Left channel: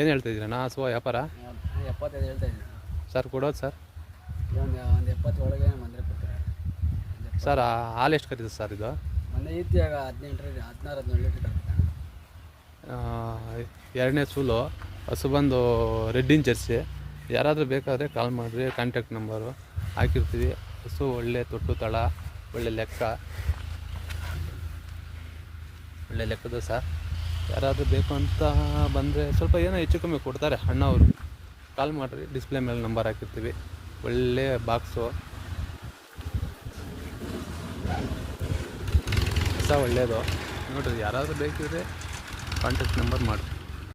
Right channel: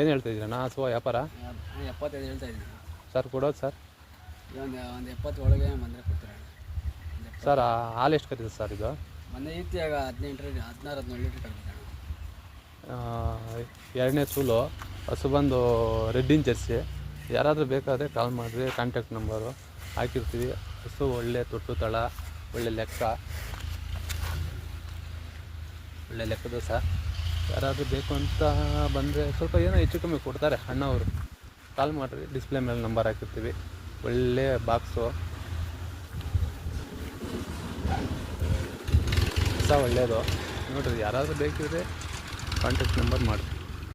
ಏನು ಹೇಳ್ತಾಯಿದ್ದೀರಣ್ಣ ಹಸುವ ವ್ಯಾಪಾರ? 75 ಹೇಳ್ತಾ ಇದ್ದೀನಿ ಸರ್. ಕೊಡೋದು ಸರ್? ಒಂದು 70 ಒಳಗೆ ಬಂದರೆ ಕೊಡ್ತಾರೆ ಸರ್. ಹಾಲು ಎಷ್ಟು ಕರೀತದೆ ಸರ್ ಇದು? ಮೊನ್ನೆ ಇತ್ತೀಗ 16-17 ಲೀಟ್ರ್ ಕರೀತಾರೆ. ಎರಡನೇ ಸೂಲು ಹಸು ಬಂದು ರೆಡ್ಡಿನ ಜರ್ಸಿ. ಯಾರಾದರೂ ಬೇಕಾದರೆ ಕಾಲ್ ಮಾಡಿರಿ, ಕಾಂಟ್ಯಾಕ್ಟ್ ನಂಬರು ಹಾಕಿರ್ತೀವಿ. ಹಸು ಒಳ್ಳೆ ತೊಟ್ಟು ತಳ, ಒಳ್ಳೆ ಲೆಕ್ಕದೆ ಸರ್. ಯಾರಾದರೂ ಬೇಕು ಅಂತ ಬಂದರೆ ಸ್ವಲ್ಪ ಏನೋ ಹೆಚ್ಚು ಕಮ್ಮಿ ಕೊಡ್ತಾರೆ ಅಣ್ಣವರು. ಕಾಲ್ ಮಾಡಿರಿ, ಡಿಸ್ಪ್ಲೇ ಮೇಲೆ ನಂಬರ್ ಹಾಕಿರ್ತೀವಿ. ಒಳ್ಳೆ ಬಾಕ್ಸು ಹೊಸ ಒಳ್ಳೆಯದು ನೋಡಿರಿ. ಯಾರಾದರೂ ಬೇಕಿದ್ರೆ ಕಾಂಟ್ಯಾಕ್ಟ್ ನಂಬರ್ ಮಾಡಿರಿ.